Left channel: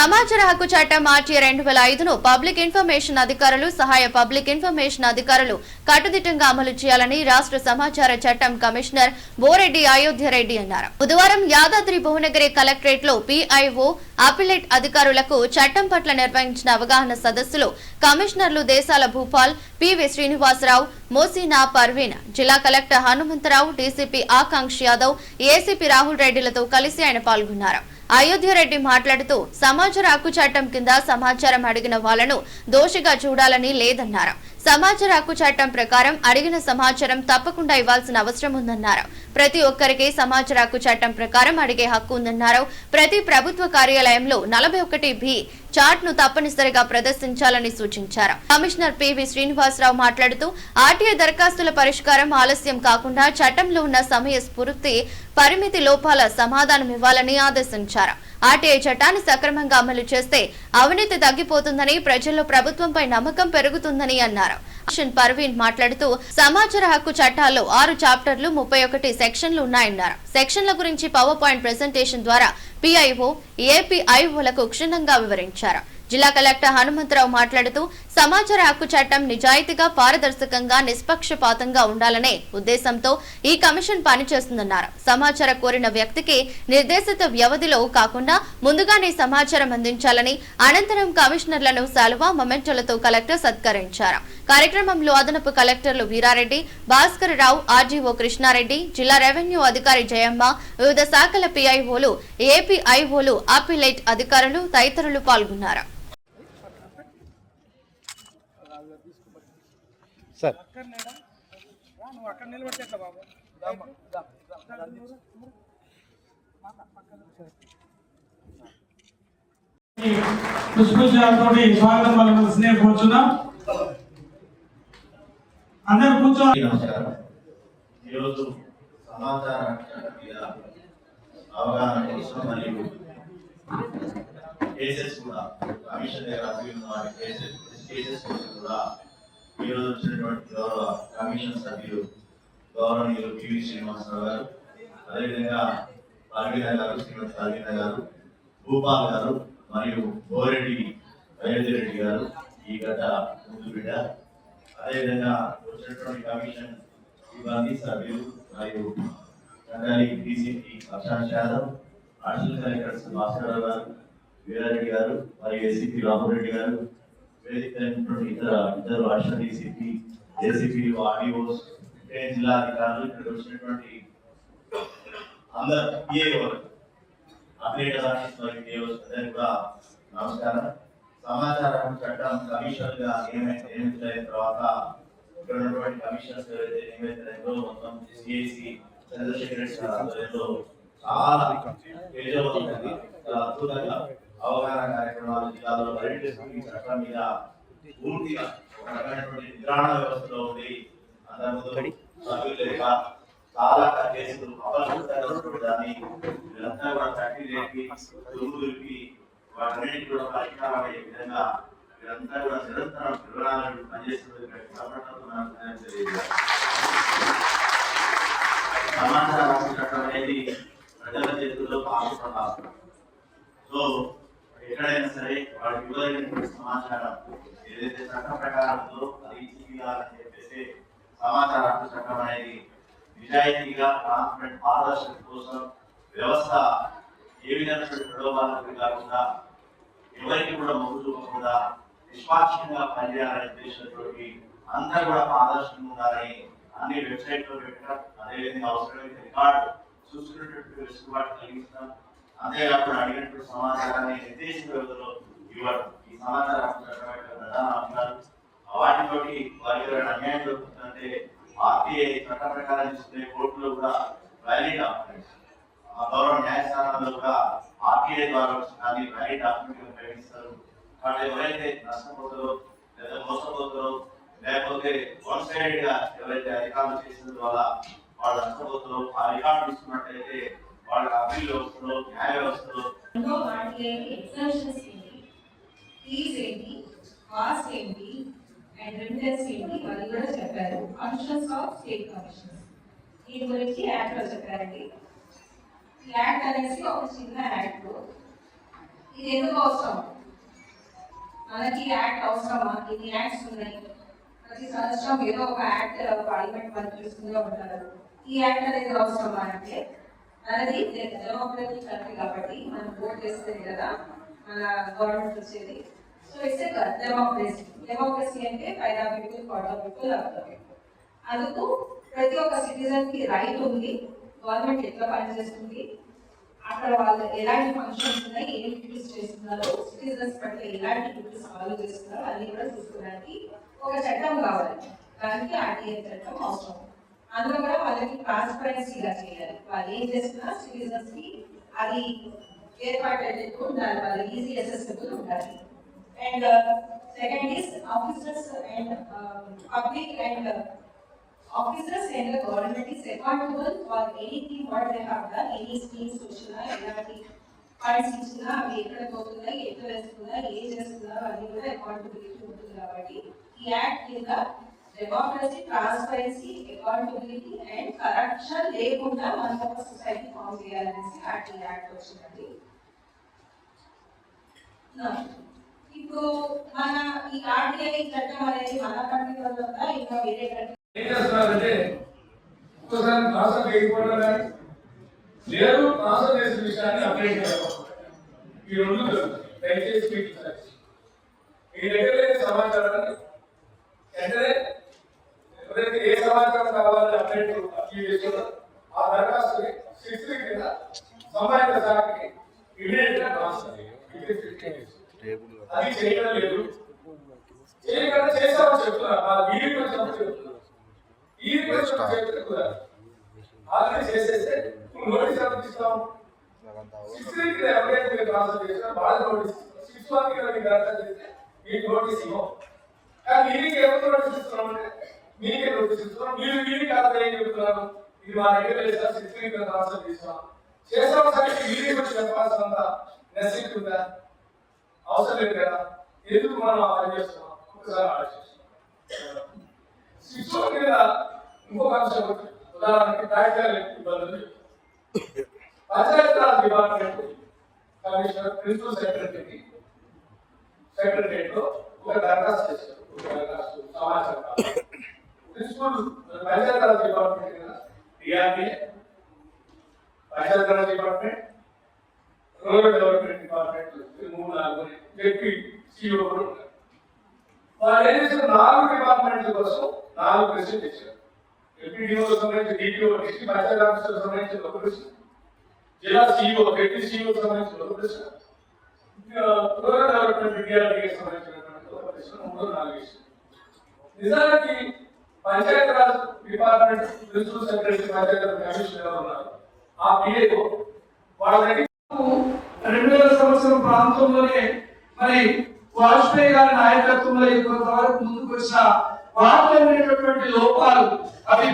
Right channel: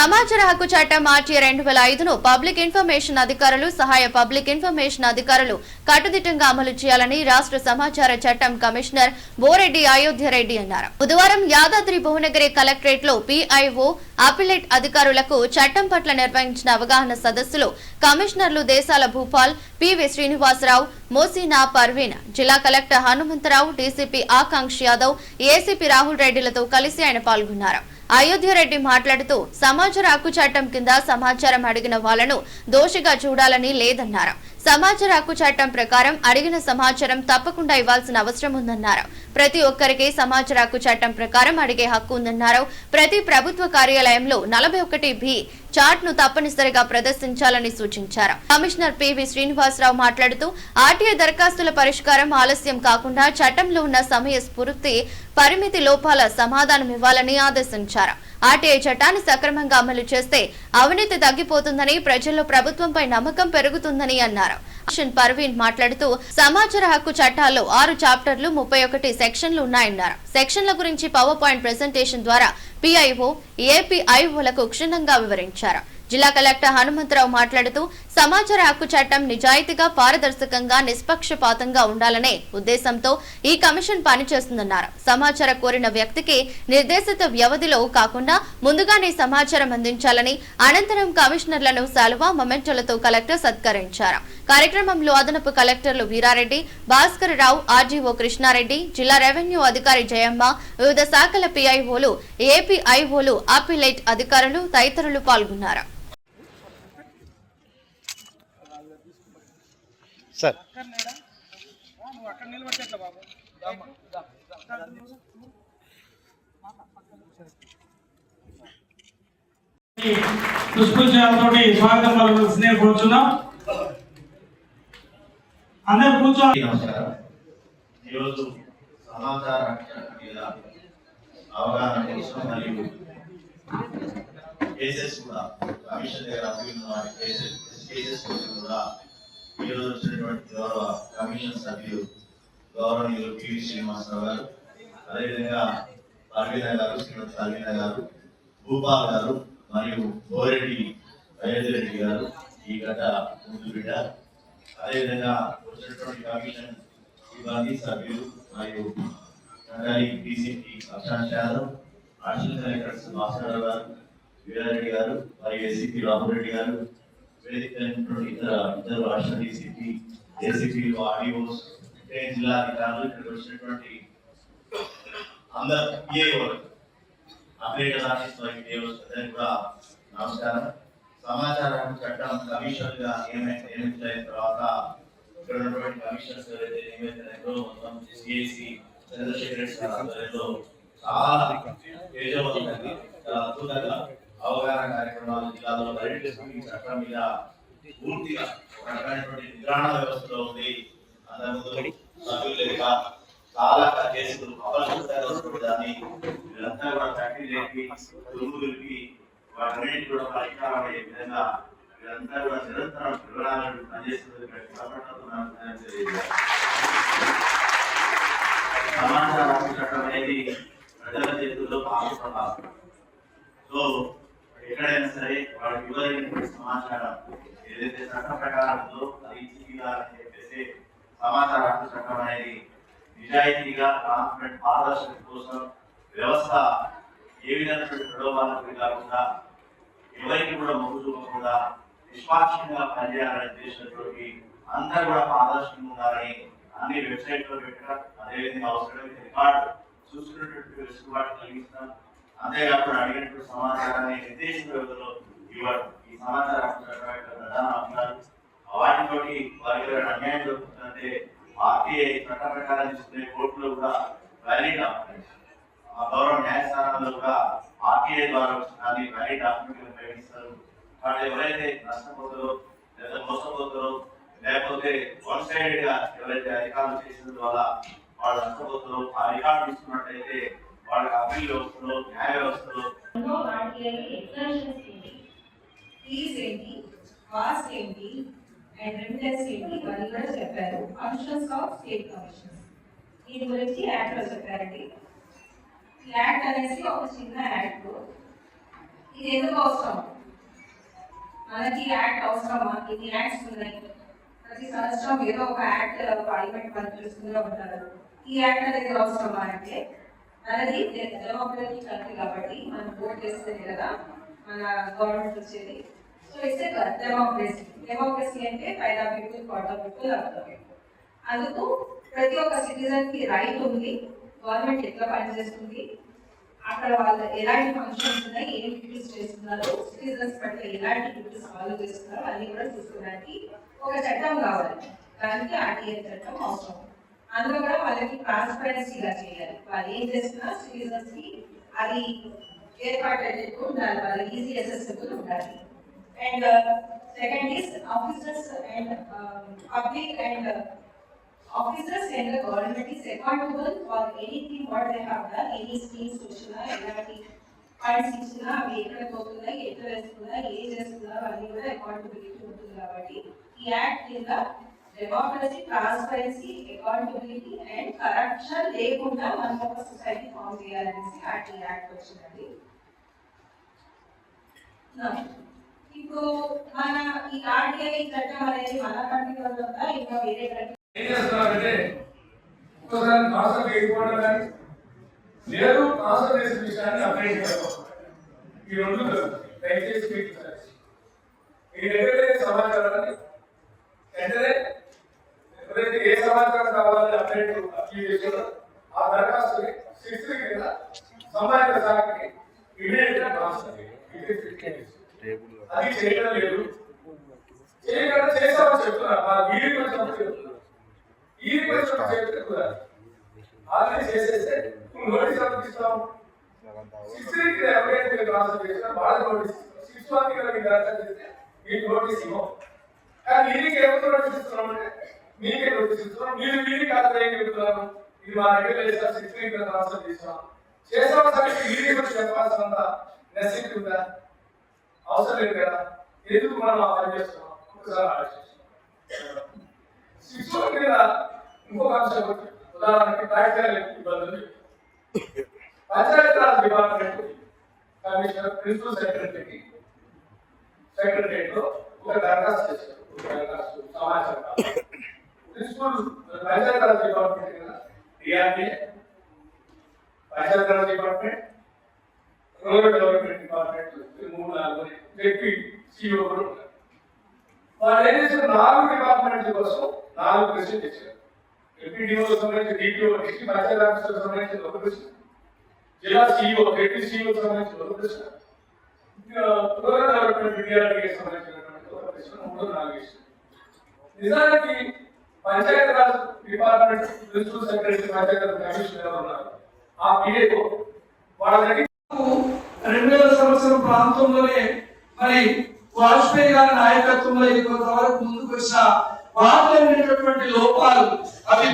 సమాచార హక్కు చట్టం మార్చి రెండు వేల ఐదును పబ్లిక్ ఇన్ఫర్మేషన్ అధికారులు సహాయ పబ్లిక్ ఇన్ఫర్మేషన్ అధికారులు కట్టుదిట్టంగా అమలు చేయాలని రాష్ట్ర సమాచార చట్టం కమిషనర్ బోరెడ్డి అయోధ్య రెడ్డి అన్నారు. బుధవారం యాదాద్రి భువనగిరి కలెక్టరేట్లో పిఐఓ అపిలేట్ అధికారులకు చట్టం పట్ల నిర్వహించిన అవగాహన సదస్సులో కమిషనర్లు దేశాల భూపాల్ పివి శ్రీనివాసరావు మోసీనా పర్వీన్ జిల్లా collector Hanumantha Rao DCP Akanksha Yadav ACP Rahul రెడ్డిలతో కలిసి ఆయన పాల్గొన్నారు. అయోధ్యరెడ్డి మాట్లాడుతూ సమాచార హక్కు చట్టం కింద సమాచారం అడిగిన వాళ్ళను దోషిగా చూడాలని లేదన్నారు. సమాచార హక్కు చట్టం ప్రకారం అడిగిన సమాచారం తప్పకుండా ఇవ్వాల్సిన అవసరం ఉందన్నారు. ప్రతి ఒక్కరికి సమాచార హక్కు చట్టం ప్రకారం అడిగే హక్కు ఉందన్నారు. ప్రతి ప్రభుత్వ కార్యాలయంలో నలభై ఒకటి బి చార్ట్ను తప్పనిసరిగా ప్రదర్శించాలని సూచించారు. కమిషనర్ పివి శ్రీనివాసరావు మాట్లాడుతూ ఆర్టీఐ దరఖాస్తుల పరిష్కారం ఆలస్యం కాకుండా చట్టంలో ఉన్న సమయ స్ఫూర్తి పరిమితి లోపాల సమాధానం ఇవ్వాలని ఆదేశించారు. ఆర్టీఐ చట్టాన్ని సక్రమంగా అమలు చేస్తే అవినీతి తగ్గిపోతుందని ప్రజల్లో ప్రభుత్వంపై నమ్మకం పెరుగుతుందని అన్నారు. అషన్ పర్వీన్ మాట్లాడుతూ సమాచార హక్కు చట్టాల్లో ఆరు చాప్టర్లు ముప్పై ఒకటి సెక్షన్లు ఉన్నాయన్నారు. సెక్షన్ల గురించి పవర్ పాయింట్ ప్రెజెంటేషన్ ద్వారా పిఐఓ ఏపీఐఓలకు క్షుణ్ణంగా వివరించారు. జిల్లా కలెక్టర్ హనుమంతరావు మాట్లాడుతూ సమాచార హక్కు చట్టం నిజాయితీగా పారదర్శకంగా నిష్పక్షపాతంగా ఉండాలనే ఉద్దేశంతో ఈ కమిషన్ పనిచేస్తుందన్నారు. సమాచారం కోరిన వ్యక్తికి నిర్దేశిత వ్యవధిలో కాకుండా ముందుగానే సమాచారం అందించాలని అనంతరం కమిషనర్లను శాలువా మొమెంటోలతో కలెక్టర్ సత్కరించారు. కార్యక్రమంలో అదనపు కలెక్టర్లు వీరారెడ్డి భాస్కర్ రావు ఆర్జీఓ కృష్ణారెడ్డి జిల్లా రెవెన్యూ అధికారి జయమ్మ వివిధ శాఖల పిఐఓలు ఏపీఐఓలు అపిలైట్ అధికారులు తదితరులు పాల్గొన్నారు. సార్ పుష్పజాలతోటి స్వాగతం పలకవలసిందే కోరుతున్నాం అందరు కూర్చోండి నమస్కారం. ఈరోజు సమాచార మీద అవగాహన కోసం మరియు కేసెస్ కూడా కమిషన్ దగ్గర కేసెస్ కోసం కూడా ఈరోజు వచ్చినటువంటి గౌరవ కమిషన్ సభ్యులు గౌరవనీయులు పివి శ్రీనివాసరావు గారు అదేవిధంగా అరవింద గారు శ్రీమతి అరవింద గారు భూపాల్ గారు మరియు బోరెడ్డి అయోధ్య రెడ్డి గారు ఈ గత ముందు బిడ్డ అదేవిధంగా వచ్చినటువంటి కమిషన్ సిబ్బంది సభ్యులు మరియు కండాలి DCP Prashant Yadav additional collectors master గారు వీరారెడ్డి గారు మరియు ఏసీపీ రామరెడ్డి గారు వేదిక ఇతర ఇద్దరు అడిషనల్ డీసీపీ ఏసీపీ ఆర్డీఓస్ జిల్లా అధికారులు ఇక్కడ వచ్చినటువంటి అందరు పిఏఓ అప్డేట్ ఆఫీస్ మరియు పిఏఓస్ అందరికీ కూడా నమస్కారం. సమాచార చట్టం కమిషన్గా ఏమైతే ఏమైతే తర్వాత ఇక్కడ ఉన్నటువంటి కమిషనర్స్ ఎవరైతే ఏమైతే మొత్తం సిఐసి చంద్రశేఖర్ ఆధ్వర్యంలో చాలా తేజవంతంగా చాలా అద్భుతంగా అవగాహన కార్యక్రమాలు జిల్లాలో పర్యటిస్తూ చట్టం మీద పూర్తిగా ఒక రకమైనటువంటి నిద్రాణ వ్యవస్థలో ఉంది అంతకుముందు సభ్యులు లేక చాలా కేసులు దాన్ని వీళ్ళంతా కూడా కట్టి రేపి దుర్ములకి వాటన్నిటి కూడా విధంగా వీళ్ళంతా కూడా నిరంతరం వివరాలను చట్టం అనేది ప్రజల చేతుల్లో పాల్గొనడం సో ఎక్కడైనా సరే వాడికి ఇవ్వదగినటువంటి సమాచారం ఏదైతే చట్ట ప్రకారం అది ఇచ్చిగా అని సమాచార హక్కు చట్టం అనేది నిజాయితీగా ట్రాన్స్పరెంట్ పారదర్శకత కోసం వ్యవస్థ ఏ విధంగా ప్రలోభాలకు కాకుండా ఎవరికి కూడా మొగ్గు చూపకుండా నిష్పాక్షంగా పనిచేయాలనే ఉద్దేశంతో అందరూ కూడా పారదర్శకంగా ఉండాలని అన్ని వెబ్సైట్లో పెట్టడం అదేవిధంగా అవసరమైతే రికార్డు చూసుకునేటట్టు వెసులుబాటు కలిగిస్తాం. అంతేకాకుండా అడిగినటువంటి సమాచారాన్ని నిర్దేశిత వ్యవధిలో ఇవ్వడం. ఈ సమాచార హక్కు చట్టం యొక్క ప్రధాన అంశాలు వాటితోటి వారి అన్యాయం జరుగుతుంది. ఏంటంటే ఆర్టీఐ చట్ట ప్రకారం చూస్తే కోర్టులో కూడా వ్యాలిడ్ ఆ గౌరవ న్యాయస్థానాల్లో కూడా ఆర్టీఐ ద్వారా దాన్ని వ్యాలిడ్ డాక్యుమెంట్ ఉపయోగిస్తారు వాళ్ళు ఎవరైతే నష్టపోతారో లేదా మోసపోతారో లేకపోతే వన్ సైడ్గా ఎవరైతే రికార్డు చేసిన ద్వారా వాళ్ళు నష్టపోతారో ఆ రికార్డు తీసుకున్నట్టయితే వాళ్ళకి అప్పీల్ వ్యవస్థలో న్యాయ వ్యవస్థలో ఏంటి? ఏంటి? అండ్ రెంటెన్స్ ఏంటి ఇవన్నీ కూడా చెప్పారు. ఫంక్షన్స్ ఆఫ్ స్టేట్ కమిషన్స్ దీని గురించి యాక్ట్లో చెప్పారండి. ఈ యాక్ట్ అనేసి ఒక చిన్న యాక్ట్ ఇది ఎందుకు అవసరం? మనకి యాక్ట్ అవసరమా? ఇన్ని యాక్ట్స్ ఉన్నాయి. ప్రతి సంవత్సరం ఏదో ఒక యాక్ట్ పార్లమెంట్ వాళ్ళు చూస్తూనే ఉంటారు. ఈ యాక్ట్ అనేది అవసరమా అంటే మనది డెమోక్రటిక్ కంట్రీ కాబట్టి మనం ఓట్ చేస్తే కదా మన గవర్నమెంట్ వచ్చేది. సో ఇట్స్ డెమోక్రసీ డెమోక్రసీ అంటే five the people for people అందుకు ప్రతి ఒక్క సిటిజన్కి రైట్ ఉంది గవర్నమెంట్ ఎట్లా పనిచేస్తుంది అక్కడ వాళ్ళు ఎలాంటి ఫంక్షన్స్ ఉన్నాయి ఏం డ్యూటీస్ చేస్తున్నారు సిటిజన్స్ పట్ల ఎలాంటి డ్యూటీస్ ఫాలో చేస్తున్నారు అది కూడా చూసుకోవడానికి ఒక చట్టం కావాలి. దానికి ఆర్టీఏ చట్టం అవసరం. అందులో కూడా వాళ్ళకి ట్రాన్స్పరెన్సీగా చేయాలి. వాళ్ళు ఏం చేస్తున్నా సిటిజన్స్కి అది ఏర్పాటు అయ్యేట్టు ఉండాలి వాళ్ళు ఈజీ అసెసిబుల్ ఉండాలి. and second is officers and public and officers and the government is accountable for anything what they have done, any schemes వచ్చినా ఎలాంటి ఫండ్స్ ఇచ్చినా అవి ఎక్కడ పోతున్నాయి ఎక్కడ వేస్తున్నాయి ఏం చేస్తున్నారు అది కూడా అకౌంటబిలిటీ ఉంటుంది కాబట్టి ఈ యాక్ట్ కింద democracy transparency accountability and corruption లేకుండా మనం ఒక సొసైటీ ఫామ్ చేయాలనేసి యాక్ట్ ఈ యాక్ట్ వచ్చిందండి Now, ఇప్పుడు మన ఈ ఆర్టీఐ చట్టం అనేది మన కంట్రీలో ఉందా? ఇంకా వేరే ఏం చేస్తున్నారంటే ఒక్కసారి ట్రాన్స్ఫర్ చేయకపోవడం కానీ లేదు ట్రాన్స్ఫర్ చేసిన విషయాన్ని అప్డేట్ చేయడం ఈ రెండు జరుగుతాయి. దయచేసి మీకు సజెషన్. మీ దగ్గర లేని సమాచారాన్ని వెంటనే ఎవరైతే ఏ సమాచారం కావాలని అప్డేట్ అప్పీల్ చేశారో ఆ దరఖాస్తుని శిక్షణ కింద సంబంధిత శాఖకి ఇమీడియట్గా ట్రాన్స్ఫర్ చేయాలి. అది చేయడం లేదు చేయకుండా చేస్తామని చెప్తున్నారు మా వీడియో చెప్తున్నారు ఈ రిక్వెస్ట్ చెప్తున్నారు ఆల్రెడీ చేసేస్తే నువ్వు నోటీస్ ఎంత ఇస్తావు సిక్స్టీన్కి ఎవరైతే మీకు నోటీస్ మీకు మీకు ఇవ్వం కానీ ఎవరు నోటీస్ ఇస్తున్నాం అంటే మీకే నోటీస్ ఇస్తున్నాం మీరు కాదు ఇది మా దగ్గర లేదు సిక్స్టీన్కి ట్రాన్స్ఫర్ చేసాం చేసాం సరే వీరికి కూడా చెప్పాల్సినంత నెసిటీ ఉందా అవసరం లేదు కదా ఎందుకు మనం అలా చేస్తున్నాం ఒకసారి శిక్షణ మీద ఇంకొక అంశం ఉదాహరణకి ఇబ్బందులు. పంచాయతీరాజ్ డిపార్ట్మెంట్ కమిషనర్ ప్రిన్సిపల్ సెక్రటరీకి సెక్రటరేట్లో ఒక దరఖాస్తు చేశారు. దరఖాస్తు సమాచారం. ప్రిన్సిపల్ పంచాయతీరాజ్ డిపార్ట్మెంట్ కదా? DRDA Panchayati Raj department rural development department మూడు నాలుగు వ్యక్తి సిఇఓ ఉన్నారు. వాళ్ళు ఏం చేశారు? నాలుగు డిపార్ట్మెంట్ల కోసం నాలుగు ప్రశ్నలు తెచ్చారు ఎంపీడీఓ సంబంధించి డిటిఓ వ్యక్తి ఆఫీసర్ సంబంధించి ఒక ప్రశ్న జిల్లా సిఇఓ వ్యక్తి సిఇఓ సంబంధించిన ఒక ప్రశ్న. ఇంకా రూరల్ డెవలప్మెంట్ విద్యార్థికి సంబంధించినటువంటి ఒక ప్రశ్న మూడు నాలుగు విషయం నిజానికి Panchayati Raj department principal secretary Panchayati Raj commissioner ఉన్నారు? ఆ పిఏఓ వాళ్ళ దగ్గర రెండు వేల సంవత్సరం ప్రాంతంలోనే మరి వాజ్పేయి గారి నాయకత్వంలో ఇంతవరకు ముందుకు వచ్చిన వాళ్ళు లోపాలు అవి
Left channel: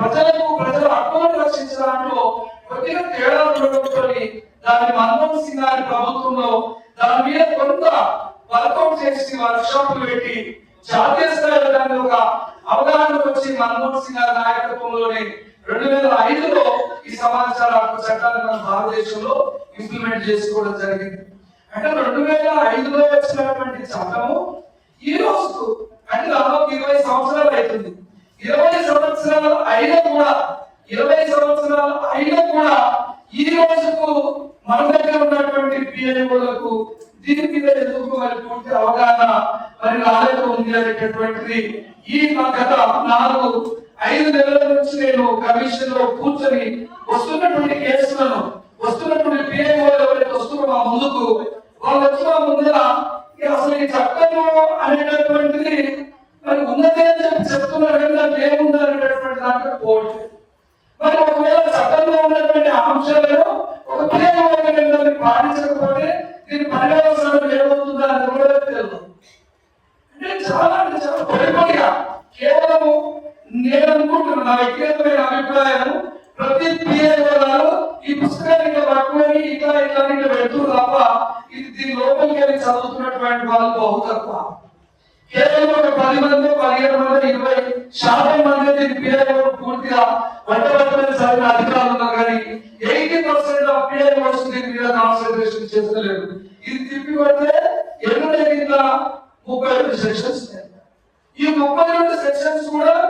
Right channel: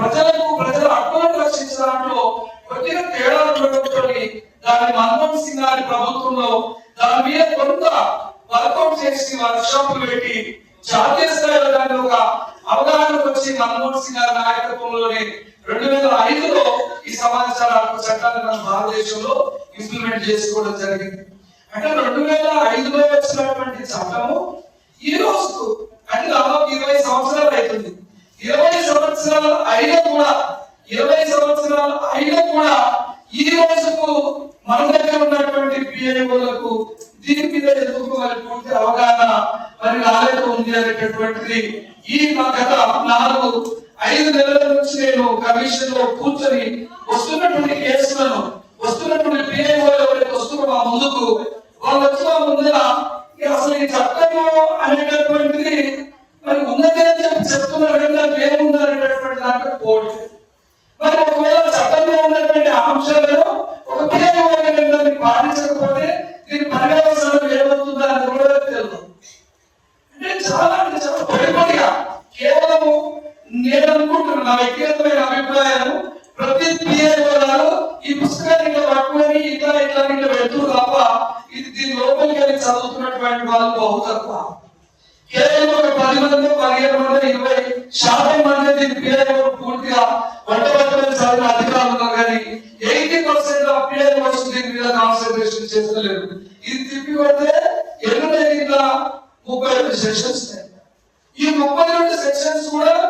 ప్రజలకు ప్రజల హక్కులను రక్షించే దాంట్లో కొద్దిగా తేడాలు ఉండడంతో దాన్ని మన్మోహన్ సింగ్ గారి ప్రభుత్వంలో దాని మీద కొంత వర్కౌట్ చేసి వర్క్షాప్ పెట్టి జాతీయ స్థాయిలో దాని ఒక అవగాహన వచ్చి మన్మోహన్ సింగ్ గారి నాయకత్వంలోనే రెండు వేల ఐదులో ఈ సమాచార హక్కు చట్టాన్ని మన భారతదేశంలో ఇంప్లిమెంట్ చేసుకోవడం జరిగింది. అంటే రెండు వేల ఐదులో వచ్చినటువంటి చట్టము ఈ రోజు అంటే దాదాపు ఇరవై సంవత్సరాలు అవుతుంది సంవత్సరాలు అయినా కూడా ఇరవై సంవత్సరాలు అయినా కూడా ఈ రోజుకు మన దగ్గర ఉన్నటువంటి పిఐఓలకు దీని మీద ఎందుకు అవగాహన మరి రాలేదు ఉంది అనేటటువంటిది ఈ గత నాలుగు ఐదు నెలల నుంచి నేను కమిషన్లో కూర్చొని వస్తున్న దాన్ని దీని పర్యావరణం ఏమవుతుందో అని కూడా తెలియదు. అంటే చాలా అంటే చాలా భయపడిగా కేవలము నేను అనుకుంటున్నాను నా వ్యక్తిగతమైన అభిప్రాయం ప్రతి పిఏఓ ఈ పుస్తకాన్ని ఇట్లా పట్టుకొని ఇట్లా ఇట్లా ఇట్లా పెడుతూ తప్ప ఇది దీని లోపలికి వెళ్ళి చదువుతున్నటువంటి వాళ్ళు బహు తక్కువ. కేవలం ఒక పది మంది పదిహేను మంది ఇరవై శాతం మంది దీని పిఏఓ పూర్తిగా వంట వంటబట్టలు చదివిన అధికారులు మీద కాన్సన్ట్రేషన్ చేస్తలేదు ఇది తిప్పి పడితే ఎన్ని కింద ముప్పై రెండు సెక్షన్స్ ఈ ముప్పై రెండు సెక్షన్స్ కూడా